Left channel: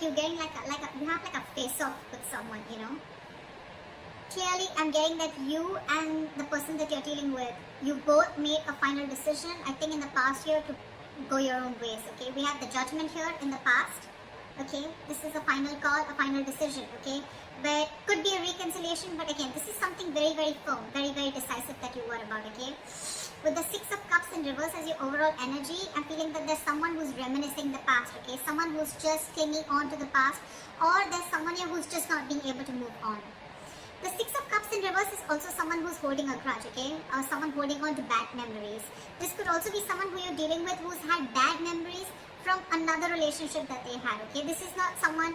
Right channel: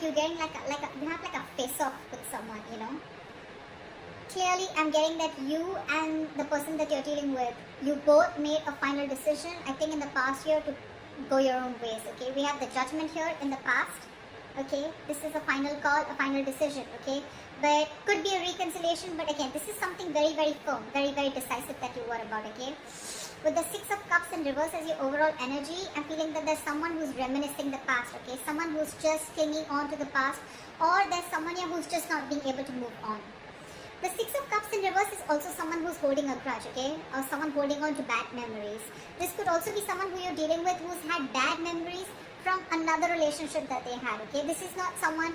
like you're getting you have like a face-off with someone, you know. Clearly, I'm getting that you and the person that you're dealing with, you both made a final decision, I think, in the past year to go your own ways, okay? We have the Judgment here in the past, okay? This is a final call, a final decision, okay? But could be a reconciliation, but again, this is something very, very firm, very, very decisive that you are about, okay? With the Six of Cups in reverse as your overall energy, I'm feeling that there's someone who's reminiscing the past, okay? Someone who's just clinging on to the past, or there's someone here who's just not being able to move on. The Six of Cups in reverse is also someone who's holding a grudge, okay? Or someone holding on to bad memories. This could also be someone who you're dealing with who's had bad memories from another relationship that they had, okay? This is not someone...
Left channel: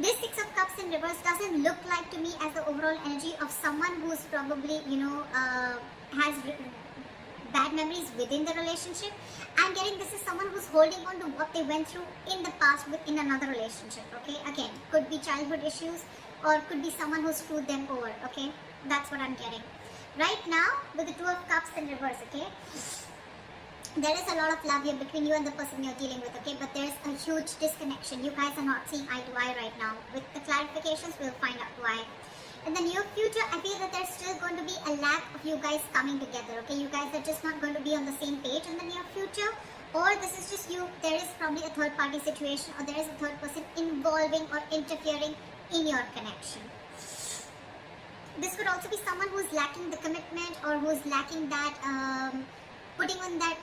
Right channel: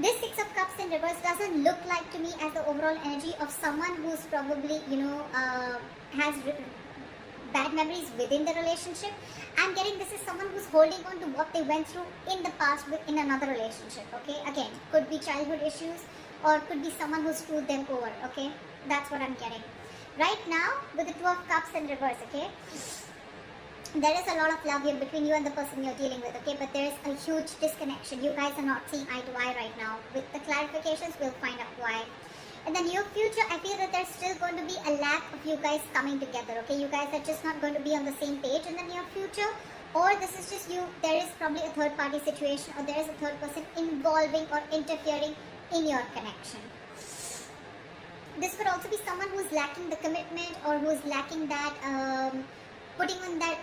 This Six of Cups in reverse doesn't look like to me as the overall energy of someone who's probably, you know, has bad memories within the relationship. I'm getting this is someone who's holding on to what they went through in the past in another relationship, okay? Again, could be childhood issues, or could be someone who screwed them over, okay? That's what I'm getting. Right now, with the Two of Cups in reverse, okay? There is a lot of love here between you and the person you're dealing with, okay? But there's a huge disconnection. You guys are not seeing eye to eye right now. With the clarifications, we'll find out why. In the near future, I feel that there's still going to be a lack of you guys coming together, okay? You guys are just not going to be on the same page in the near future. Or this is just you, there is probably a third party situation, or there is a third person involving or interfering in your connection. This could also be someone who's lacking the commitment, or who's lacking that putting on that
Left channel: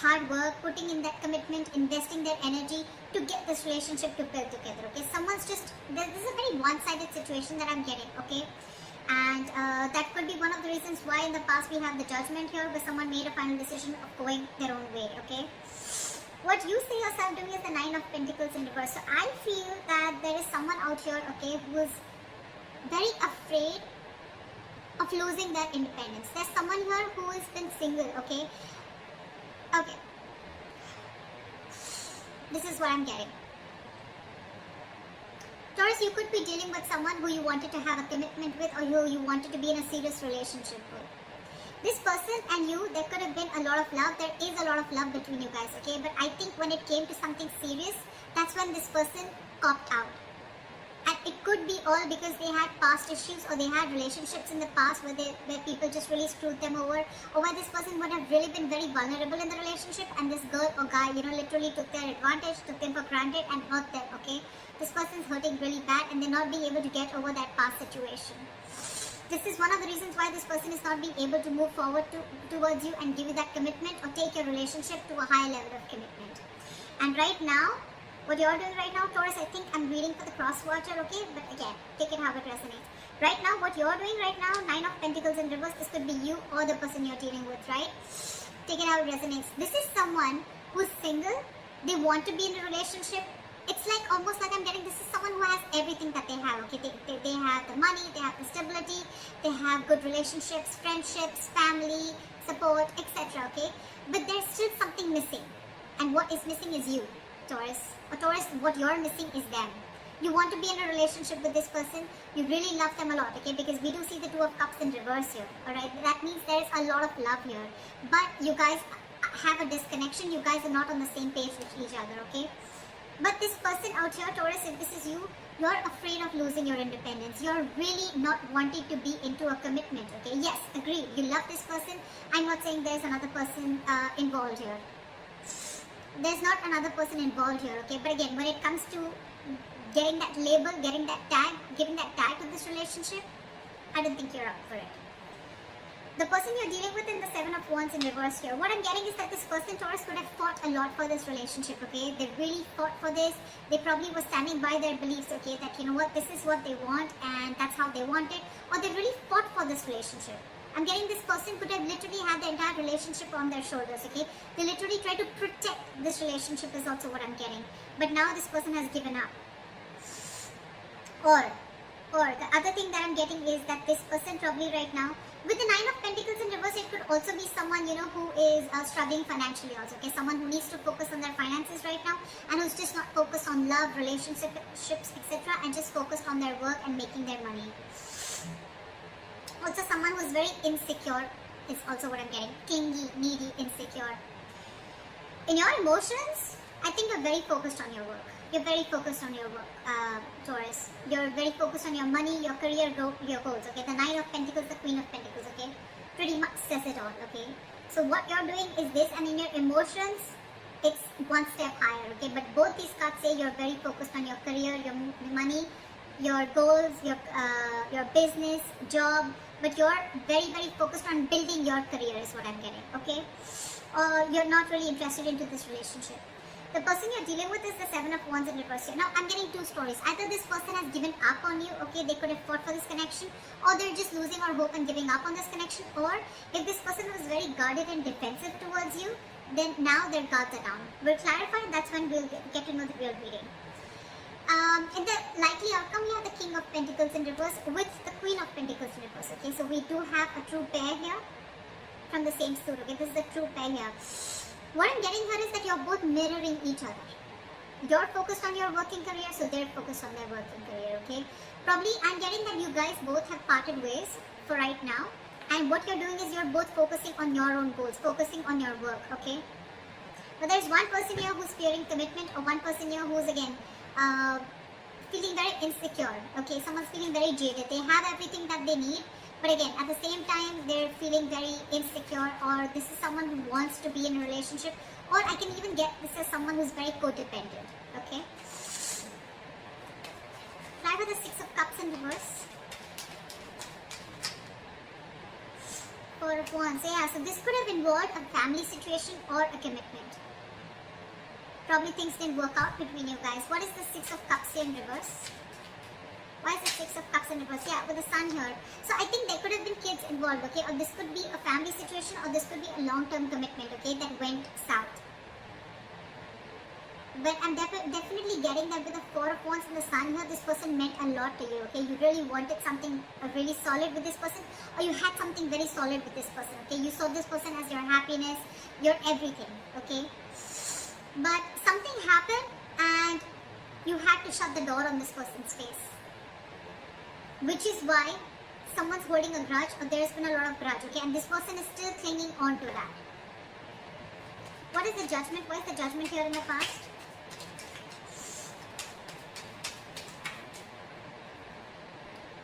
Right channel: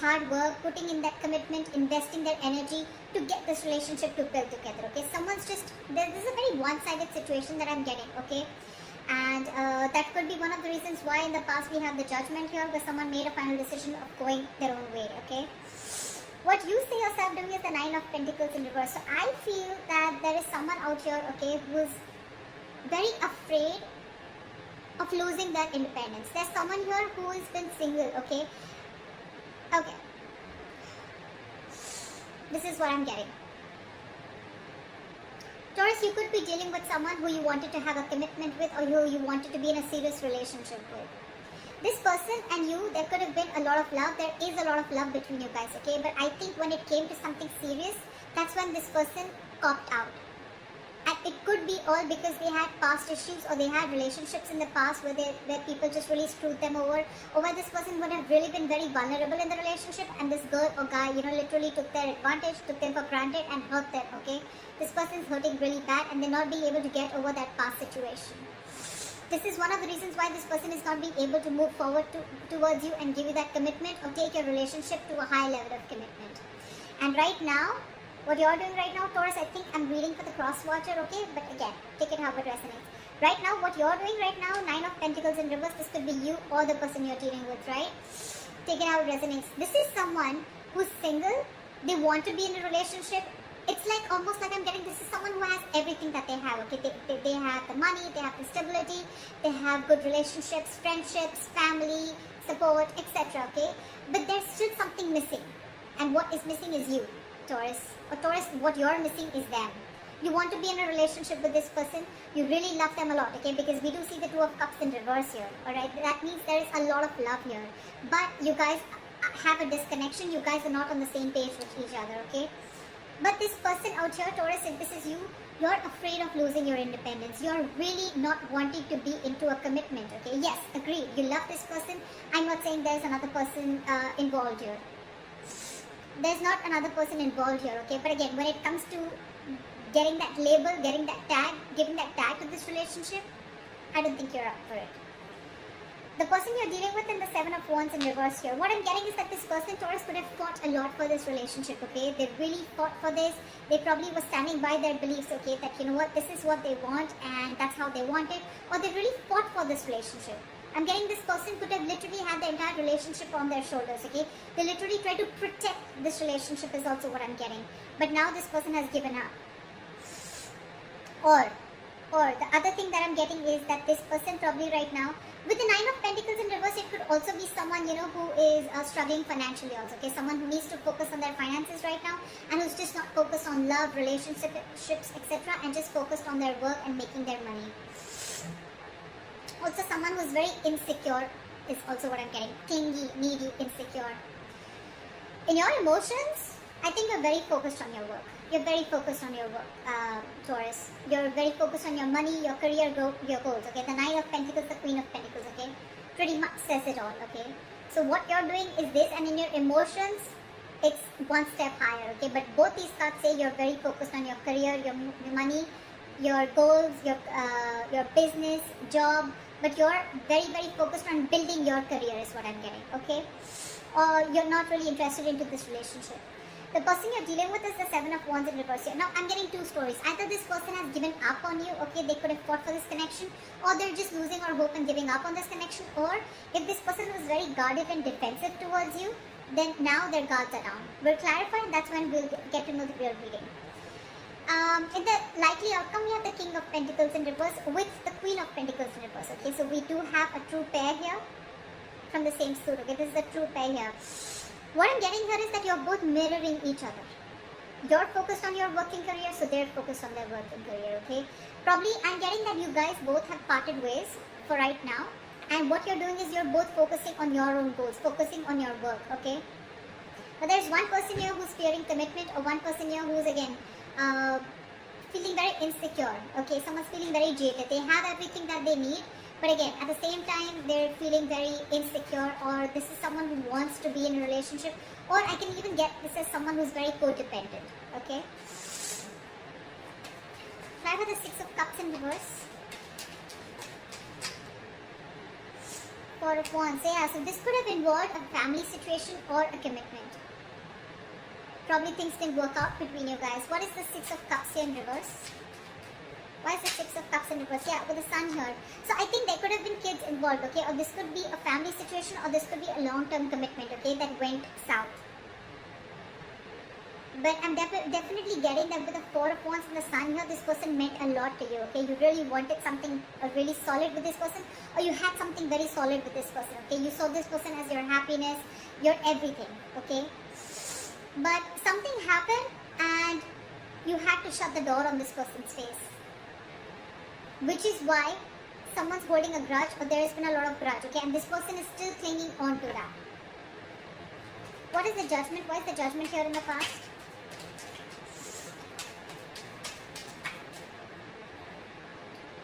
hard work, putting in that commitment, investing their energy to get this relationship to build together, okay? Someone's just, this is a very one-sided situation that I'm getting, okay? And that could be one of the reasons why in the past we have the Judgment here, where someone made a final decision of going their own way, okay? What you see yourself doing is the Nine of Pentacles in reverse. So I feel that there is someone out here, okay, who is very afraid of losing their independence. There's someone here who has been single, okay? Okay. This is what I'm getting. Taurus, you could be dealing with someone who you wanted to have a commitment with, or who you wanted to be in a serious relationship with. This person and you, there could have been a lot of love. There is a lot of love between you guys, okay? But I think when it came to something serious, that's when this person copped out. And it could be all because they had past issues, or they had relationships in the past where people just really screwed them over, or where this person would have really been very vulnerable in the relationship, and this girl or guy, you know, literally took their advantage, took them for granted, and hurt them, okay? This person's hurting really bad, and they're not being able to get over that past situation. This is one of the reasons why this person is not being able to move forward towards you and give you that commitment, or take your relationship to a higher level of commitment. And right now, what you're doing right now, Taurus, I think I'm reading for the cross-watcher, okay? But again, take it how it resonates. Right now, what you're doing right now, Nine of Pentacles in reverse, this could be you or the person you're dealing with, right? Take it how it resonates. This is someone who's single, they want to be in a relationship. It's like almost like I'm getting, this is someone who has everything that they have, okay? They have the money, they have the stability, they have good relationships, friendships, family, support, etc., okay? But there's still something missing. And what is missing is you, Taurus. Or Taurus, what you're missing is them. You want to be in a relationship with this person, you really love them a lot, okay? Because we do see the Two of Cups in reverse here, alright? That means there's a lot of love here. But you guys have a disconnection, you guys are not on the same page with each other, okay? But this person out here, Taurus, if this is you, you're afraid of losing your independence. You're really not wanting to be into a commitment, okay? Yes, agreed. You love this person. I'm not saying there's another person involved here. There's not another person involved here, okay? But again, when it comes to getting that label, getting that tag, giving that tag to this relationship, I don't think you're up for it. The person you're dealing with in the Seven of Wands in reverse here, what I'm getting is that this person, Taurus, could have fought a lot for this relationship, okay? They really fought for this. They probably were standing by their beliefs, okay? That, you know what, this is what they want and that's how they want it. Or they really fought for this relationship. I'm getting this person could have literally had the entire relationship on their shoulders, okay? They literally try to protect this relationship is also what I'm getting. But now this person has given up. Or the other thing that I'm getting is that this person probably right now, with the Nine of Pentacles in reverse, it could also be someone, you know, who is struggling financially also, okay? Someone who needs to focus on their finances right now, and who's just not focused on love, relationships, etc., and just focused on their work and making their money. Also, someone who's very insecure is also what I'm getting. Clingy, needy, insecure. In your emotions, I think you're very focused on your work. You're very focused on your work, Taurus. You're very focused on your money, your career, your goals. Okay, the Knight of Pentacles, the Queen of Pentacles. Okay, pretty much says it all. Okay, so what you're doing is this, and in your emotions, it's one step higher. Okay, but both these cards say you're very focused on your career, your money, your goals, your business, job. But you're very focused on building your career is what I'm getting. Okay, you're not really interested into this relationship. The person you're dealing with is the Seven of Wands in reverse here. Now, I'm getting two stories. Either this person has given up on you, okay, they could have fought for this connection, or they're just losing all hope and giving up on this connection, or if this person was very guarded and defensive towards you, then now their guards are down. We'll clarify, that's when we'll get to know the real reading. In the likely outcome, we have the King of Pentacles in reverse with the Queen of Pentacles in reverse, okay, so we do have a true pair here from the same suit, okay, this is the true pair here. What I'm getting here is that you're both mirroring each other. You're focused on your working career, so they're focused on their working career, okay? Probably, I'm getting that you guys both have parted ways for right now. And what you're doing is you're both focusing on your own goals, focusing on your work, okay? But there's one person here who's fearing commitment, or one person here who's, again, feeling very insecure, okay? Someone's feeling very jaded. They have everything that they need. But again, at the same time, they're feeling very insecure, or this is someone who wants to be in a relationship, or I can even get this as someone who's very codependent, okay? Try with the Six of Cups in reverse. Four of Wands. So yeah, so this could have involved a family situation or a commitment. Probably things didn't work out between you guys. What is the Six of Cups here in reverse? Why is the Six of Cups in reverse? Yeah, with the Sun here. So I think there could have been kids involved, okay? Or this could be a family situation, or this could be a long-term commitment, okay? That went south. But I'm definitely getting that with the Four of Wands and the Sun here, this person meant a lot to you, okay? You really wanted something really solid with this person, or you had something very solid with this person, okay? You saw this person as your happiness, your everything, okay? But something happened, and you had to shut the door on this person's face. Which is why someone's holding a grudge, or there has been a lot of grudge, okay? And this person is still clinging on to that. What is the Judgment? Why is the Judgment here in the past?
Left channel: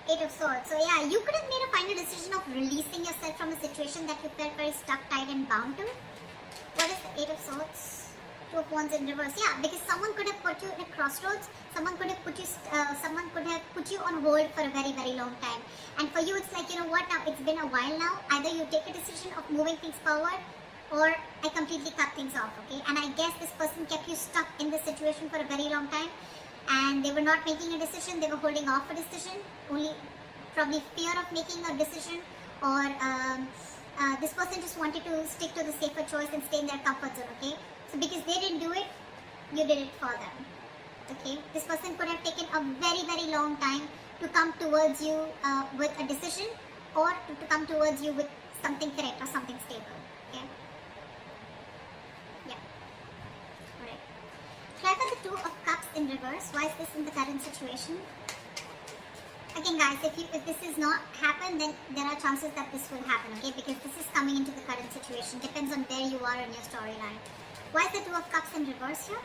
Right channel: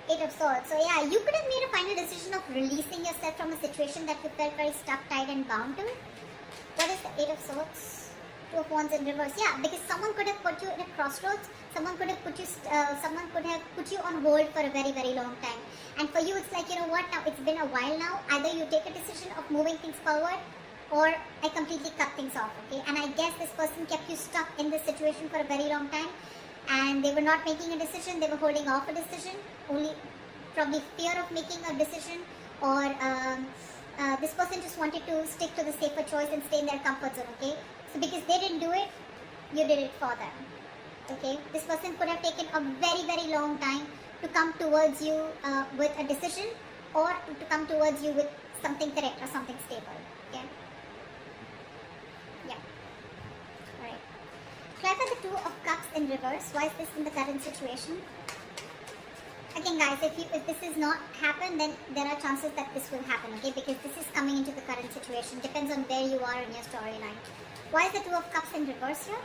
Eight of Swords. So yeah, you could have made a final decision of releasing yourself from a situation that you felt very stuck, tied and bound to. What is the Eight of Swords? Two of Wands in reverse. Yeah, because someone could have put you in a crossroads. Someone could have put you on hold for a very long time. And for you, it's like, you know what? Now it's been a while now. Either you take a decision of moving things forward, or I completely cut things off. Okay. And I guess this person kept you stuck in this situation for a very long time, and they were not making a decision. They were holding off a decision. Only probably fear of making a decision, or this person just wanted to stick to the safer choice and stay in their comfort zone. Okay. So because they didn't do it, you did it for them. Okay, this person could have taken a very long time to come towards you with a decision, or to come towards you with something correct or something stable. Okay. Yeah. Alright. Try for the Two of Cups in reverse. Why is this in the current situation? Again, guys, if this is not happen, then there are chances that this will happen. Okay, because this is coming into the current situation. Depends on where you are in your storyline. Why is the Two of Cups in reverse here?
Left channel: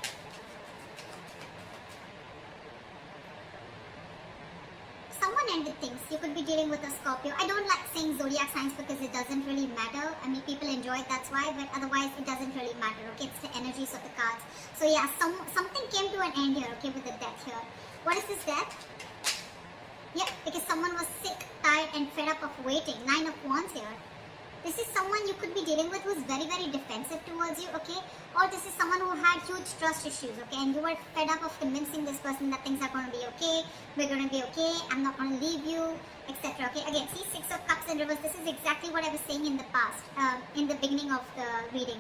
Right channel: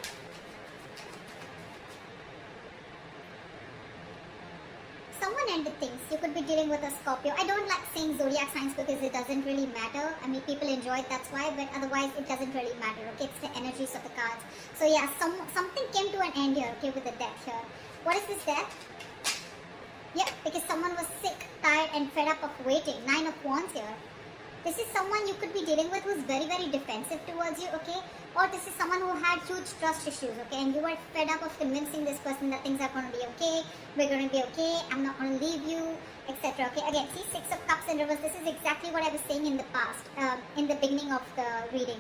Someone ended things. You could be dealing with a Scorpio. I don't like saying zodiac signs because it doesn't really matter. I mean, people enjoy it, that's why, but otherwise it doesn't really matter, okay? It's the energies of the cards. So yeah, something came to an end here, okay, with the death here. What is this death? Yeah, because someone was sick, tired, and fed up of waiting. Nine of Wands here. This is someone you could be dealing with who's very defensive towards you, okay? Or this is someone who had huge trust issues, okay? And you were fed up of convincing this person that things are going to be okay, we're going to be okay, I'm not going to leave you, etc. Okay, again, see, Six of Cups in reverse. This is exactly what I was saying in the past, in the beginning of the reading.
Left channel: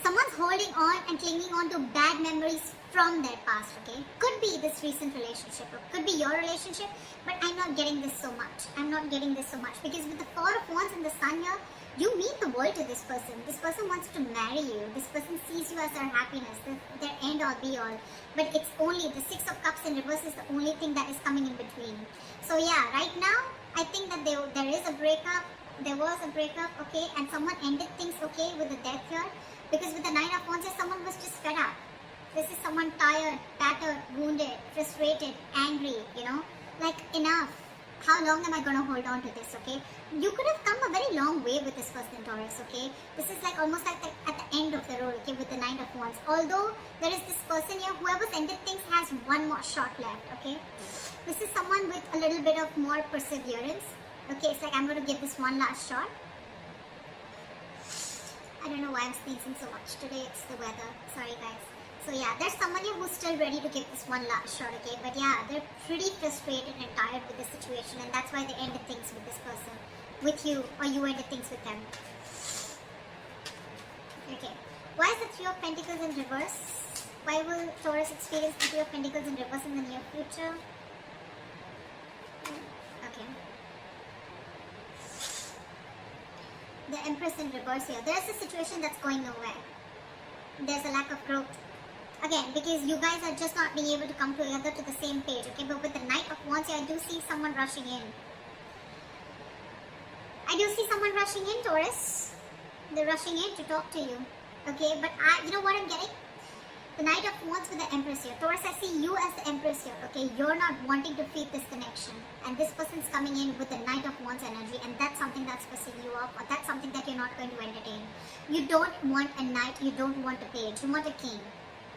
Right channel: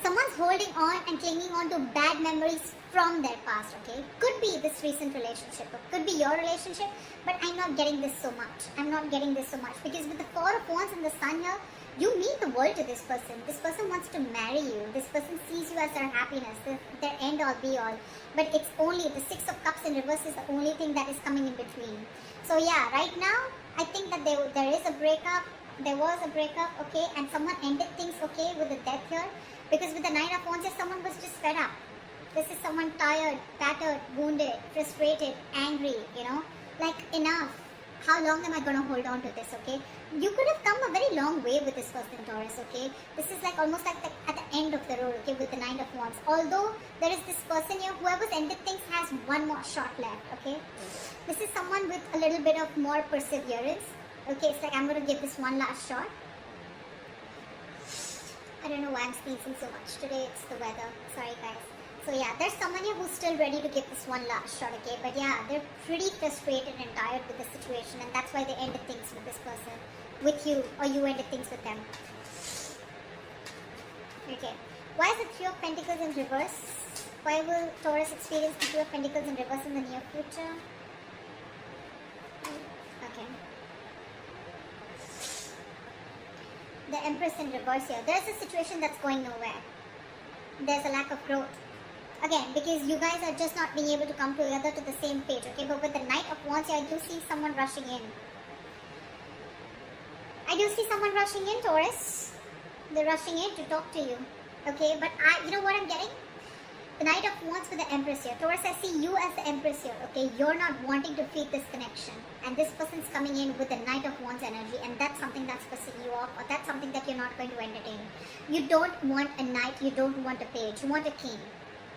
Someone's holding on and clinging on to bad memories from their past, okay? Could be this recent relationship, or could be your relationship, but I'm not getting this so much. I'm not getting this so much because with the Four of Wands and the Sun here, you mean the world to this person. This person wants to marry you. This person sees you as their happiness, their end all be all. But it's only the Six of Cups in reverse is the only thing that is coming in between. So yeah, right now, I think that there is a breakup. There was a breakup, okay? And someone ended things, okay, with the death here. Because with the Nine of Wands, someone was just fed up. This is someone tired, tattered, wounded, frustrated, angry, like enough. How long am I going to hold on to this, okay? You could have come a very long way with this person, Taurus, okay? This is like almost like at the end of the road, okay, with the Nine of Wands. Although there is this person here, whoever's ended things has one more shot left, okay? This is someone with a little bit of more perseverance, okay? It's like I'm going to give this one last shot. I don't know why I'm sneezing so much today. It's the weather. Sorry, guys. So yeah, there's someone here who's still ready to give this one last shot, okay? But yeah, they're pretty frustrated and tired with the situation, and that's why they ended things with this person, with you, or you ended things with them. Okay. Why is the Three of Pentacles in reverse? Why will Taurus experience the Three of Pentacles in reverse in the near future? Okay. The Empress in reverse here. There's a situation that's going nowhere. There's a lack of growth. Again, because you guys are just not being able to come together to the same page, okay? But with the Knight of Wands, I do see someone rushing in. I do see someone rushing in, Taurus. They're rushing in to talk to you, okay? But you know what I'm getting? The Knight of Wands with the Empress here. Taurus, I see you as the Empress here, okay? You're not wanting to feed this connection. And this person's coming in with the Knight of Wands energy, and that's something that's pissing you off, or that's something that you're not going to entertain. You don't want a knight, you don't want a page, you want a king.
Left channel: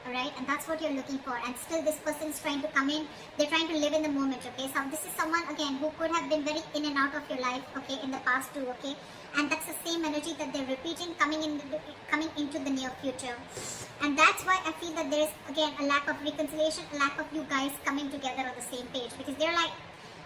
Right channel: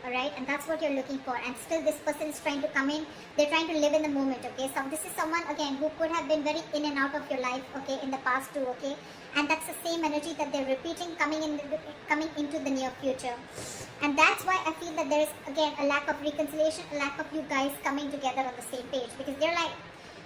Alright, and that's what you're looking for, and still this person is trying to come in. They're trying to live in the moment, okay? So this is someone, again, who could have been very in and out of your life, okay, in the past too, okay? And that's the same energy that they're repeating coming into the near future. And that's why I feel that there is, again, a lack of reconciliation, a lack of you guys coming together on the same page, because they're like,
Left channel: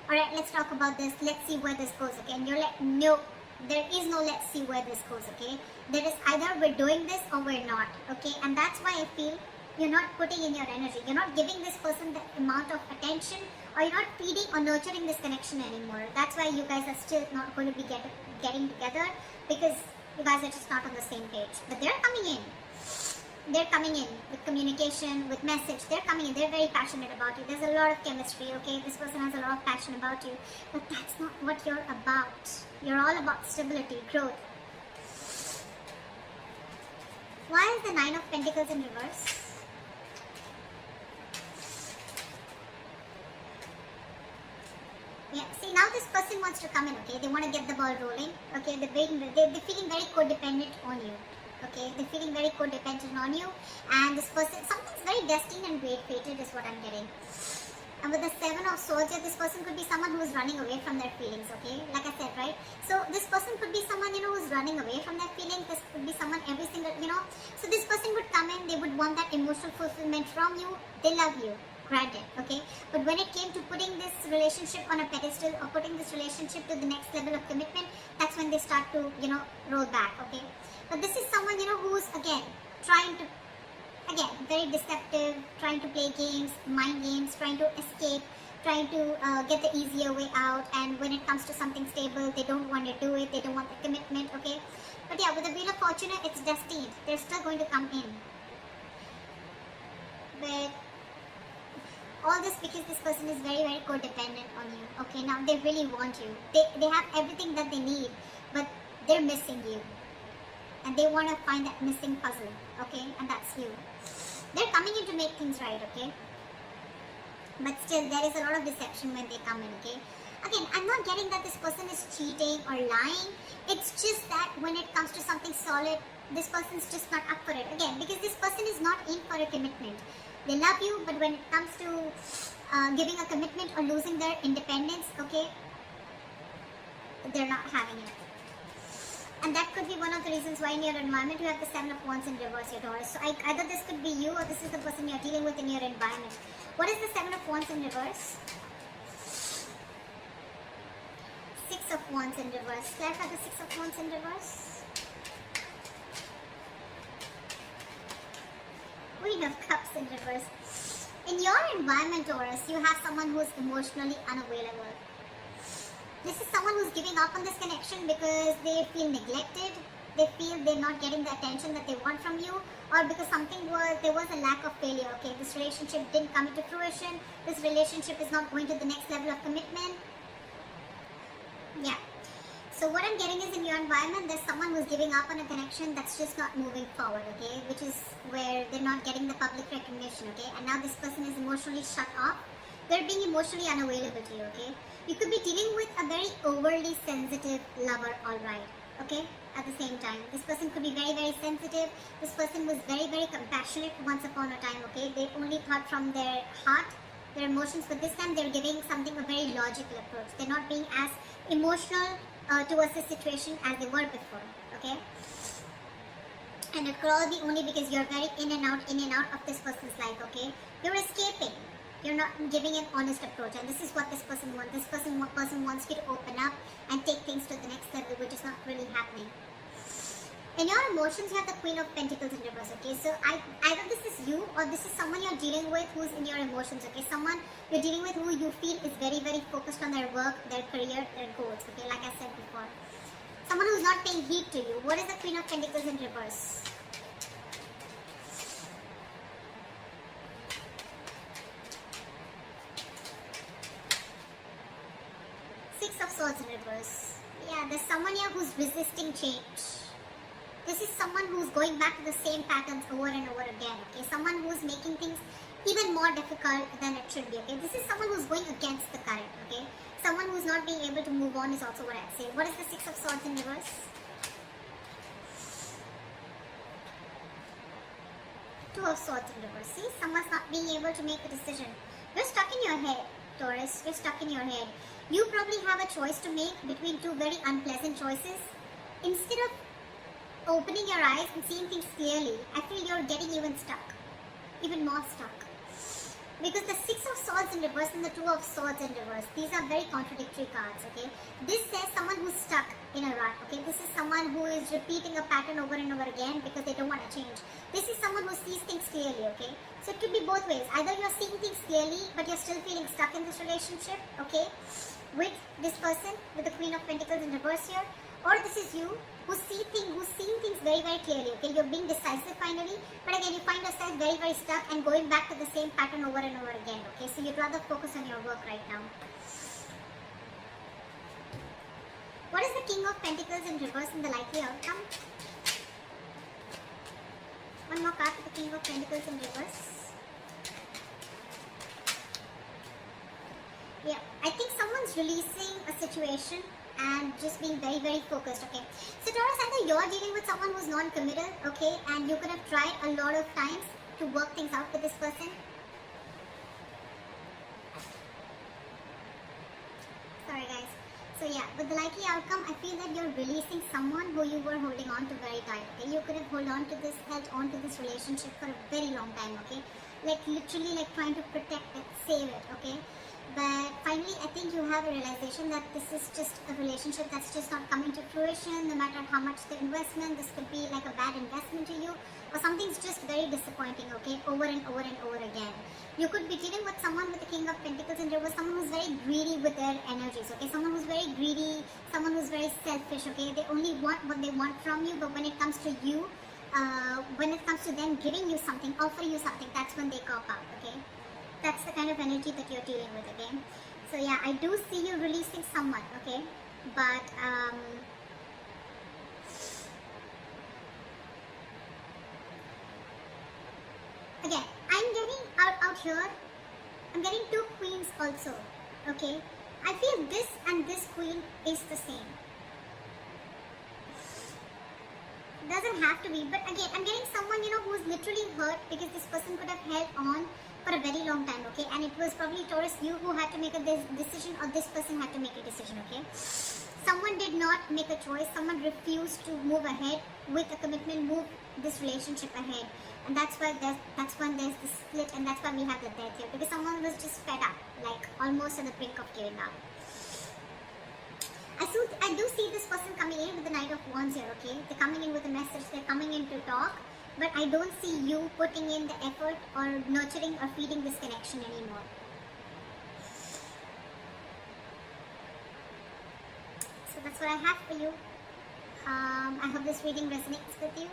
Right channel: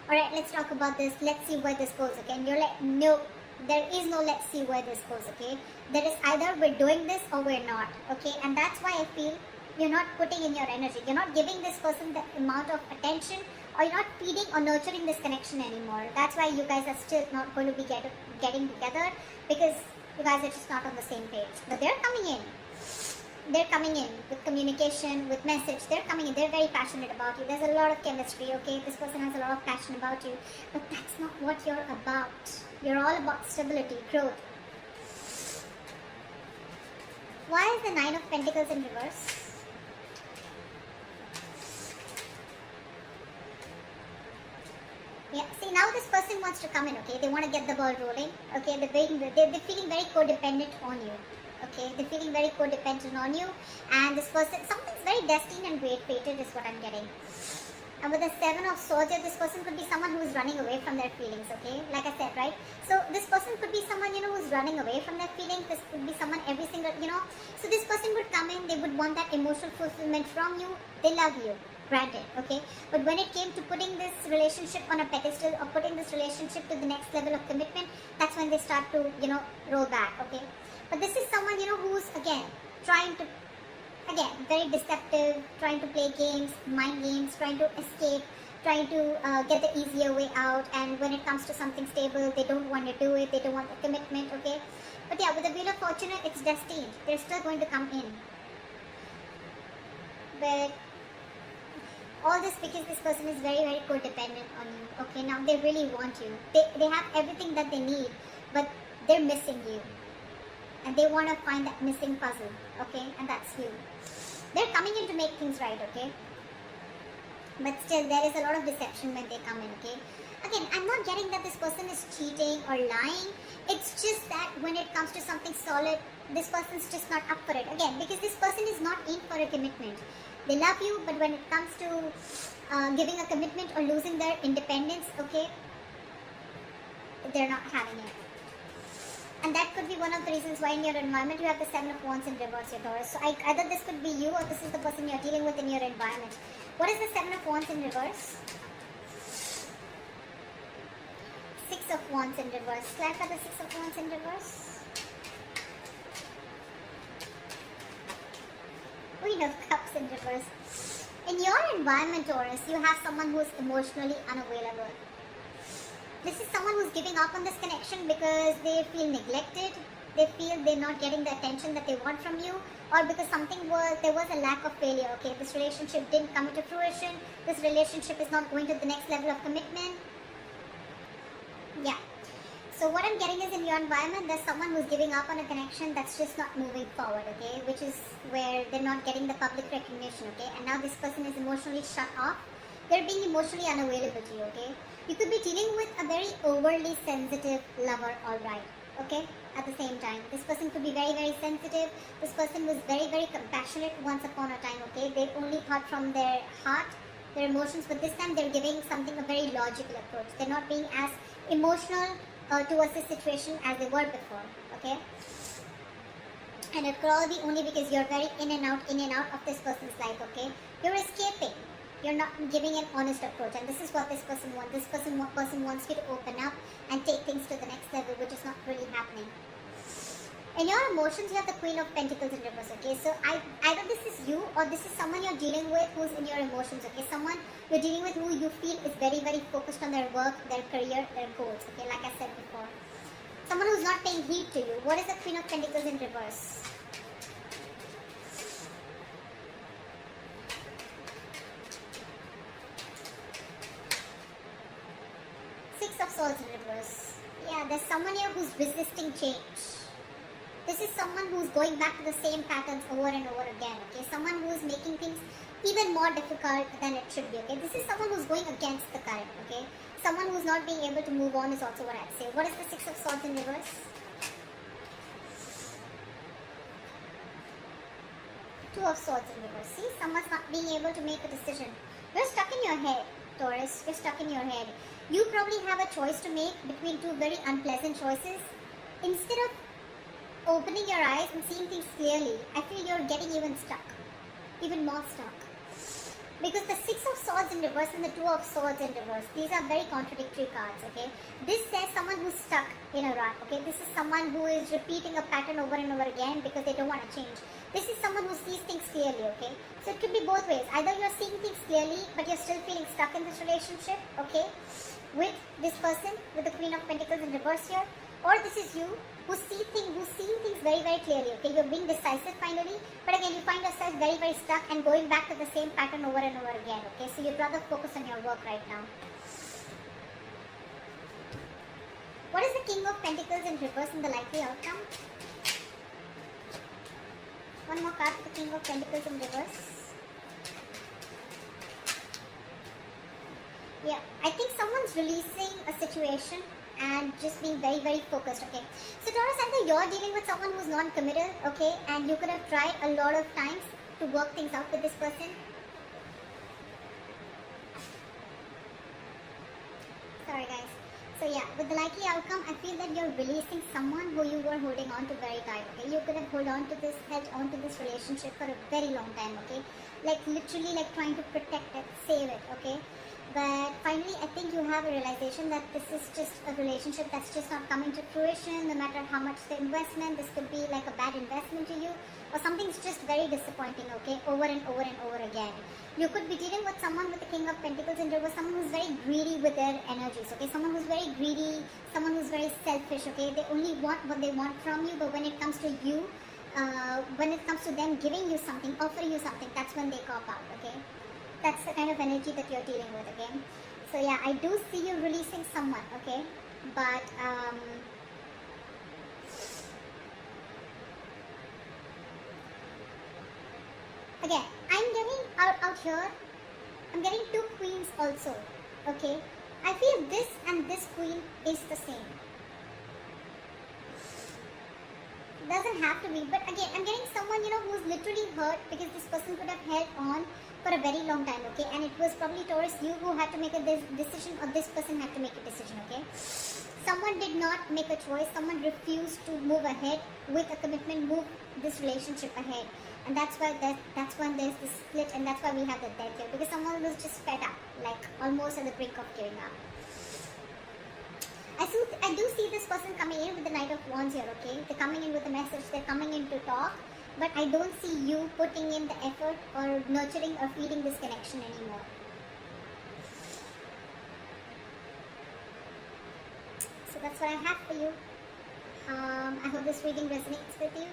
alright, let's talk about this, let's see where this goes, okay? And you're like, no, there is no let's see where this goes, okay? There is either we're doing this or we're not, okay? And that's why I feel you're not putting in your energy. You're not giving this person the amount of attention, or you're not feeding or nurturing this connection anymore. That's why you guys are still not going to be getting together, because you guys are just not on the same page. But they're coming in. They're coming in with communication, with message. They're coming in. They're very passionate about you. There's a lot of chemistry, okay? This person has a lot of passion about you. But that's not what you're about. You're all about stability, growth. Why is the Nine of Pentacles in reverse? Yeah, see, now this person wants to come in, okay? They want to get the ball rolling, okay? They're feeling very codependent on you, okay? They're feeling very codependent on you, and this person, something's very destined and great-fated is what I'm getting. And with the Seven of Swords, this person could be someone who is running away from their feelings, okay? Like I said, right? So this person could be someone, who's running away from their feelings. This could be someone every single, So this person would come in, they would want that emotional fulfillment from you. They love you. Granted, okay, but when it came to putting this relationship on a pedestal, or putting this relationship to the next level of commitment, that's when they start to, roll back, okay? But this is someone, who's, again, trying to, very deceptive, trying to play games, mind games, trying to escape, trying to get the easier way out, and when it comes to something stable, they don't want to do it, they don't want the commitment, okay? But yeah, with the Wheel of Fortune, it's destined. They're still going to come in. But all this because this person is very, very codependent on you. Okay, now they really want you. They have everything that they need, but they're missing you. And they want to find that missing puzzle. Okay, and that's you. They're coming in to make things right, okay? But still, there is a lot of deception when they come in, okay? Again, I'm not getting that this person is cheating or lying. It's just that when it comes to something solid, this person's just not up for it. Again, because this person is not in for a commitment. They love you, but when it comes to giving a commitment or losing their independence, okay, they're not having it. And that could be one of the reasons why in your environment you have the Seven of Wands in reverse, Taurus. So either this could be you, or this is the person you're dealing with in your environment. What is the Seven of Wands in reverse? Six of Wands in reverse. Clarify the Six of Wands in reverse. Queen of Cups in reverse. In your environment, Taurus, you have someone who is emotionally unavailable. This is someone who's giving up on this connection because they feel neglected. They feel they're not getting the attention that they want from you, or because there was a lack of failure. Okay, this relationship didn't come into fruition. This relationship is not going to the next level of commitment. Yeah. So what I'm getting is in your environment, there's someone who's giving up on a connection that's just not moving forward, okay? Which is where they're not getting the public recognition, okay? And now this person is emotionally shut off. They're being emotionally unavailable to you, okay? You could be dealing with a very overly sensitive lover, alright, okay? At the same time, this person could be very, very sensitive. This person was very, very compassionate once upon a time, okay? They only thought from their heart, their emotions, but this time they're giving something a very logical approach. They're not being as emotional towards this situation as they were before, okay? And it could all be only because you're very in and out of this person's life, okay? You're escaping. You're not giving an honest approach, and this is what this person wants. This person wants you to open up and take things to the next level, which is not really happening. In your emotions, you have the Queen of Pentacles in reverse, okay? So either this is you or this is someone you're dealing with who's in your emotions, okay? Someone you're dealing with who you feel is very, very focused on their work, their career, their goals, okay? Like I said before. Someone who's not paying heed to you. What is the Queen of Pentacles in reverse? Six of Swords in reverse. Yeah, there's someone here who's resisting change. This is someone who's going back to the same patterns over and over again, okay? Someone who's making things even more difficult than it should be, okay? This is someone who's going against the current, okay? Someone who's not being able to move on is also what I'd say. What is the Six of Swords in reverse? Two of Swords in reverse. See, someone's not being able to make a decision. You're stuck in your head, Taurus. You're stuck in your head. You probably have a choice to make between two very unpleasant choices. Instead of opening your eyes and seeing things clearly, I feel you're getting even stuck, even more stuck. Because the Six of Swords in reverse and the Two of Swords in reverse, these are very contradictory cards, okay? This says someone who's stuck in a rut, okay? This is someone who is repeating a pattern over and over again because they don't want to change. This is someone who sees things clearly, okay? So it could be both ways. Either you're seeing things clearly, but you're still feeling stuck in this relationship, okay? With this person, with the Queen of Pentacles in reverse here. Or this is you, who's seeing things very, very clearly, okay? You're being decisive finally, but again, you find yourself very, very stuck and going back to the same pattern over and over again, okay? So you'd rather focus on your work right now. What is the King of Pentacles in reverse and the likely outcome? One more card for the King of Pentacles in reverse. Yeah, I think someone's releasing a situation and just being very, very focused, okay? So Taurus, either you're dealing with someone who's non-committal, okay, and you could have tried a lot of times to work things out with this person. Sorry guys. So yeah, with the likely outcome, I feel that you're releasing someone who you were holding on to very tight, okay? You could have held on to this relationship for a very long time, okay? Like literally like trying to protect it, save it, okay? But finally, I think you have a realization that this is just a relationship that's just not coming to fruition, no matter how much the investment. This could be like a bad investment to you, or something's just very disappointing, okay, over and over and over again. You could be dealing with someone with the King of Pentacles and there was someone who's very greedy with their energies, okay, someone who's very greedy, someone who's very selfish, okay, they only want what they want from you, but when it comes to you, when it comes to them giving you something, offering you something, that's when they cop out, okay. That's the kind of energy that you're dealing with, okay? So yeah, I do see you releasing someone, okay? But again, I'm getting out here, I'm getting two queens also, okay? I feel this and this queen is the same. Doesn't have to be, but again, I'm getting someone, you know, who's literally hurt because this person could have held on for a very long time, okay? And it was probably Taurus, you who had to make a decision, or this person had to make a decision, okay? Someone did not make a choice, someone refused to move ahead with a commitment, move this relationship ahead. And that's why when there's the split, and that's why we have the death here, because someone was just fed up, like almost at the brink of giving up. I do see this person coming in with the Knight of Wands here, okay? They're coming in with a message, they're coming in to talk, but I don't see you putting in the effort or nurturing or feeding this connection anymore. So that's what I have for you. I hope this reading resonates with you.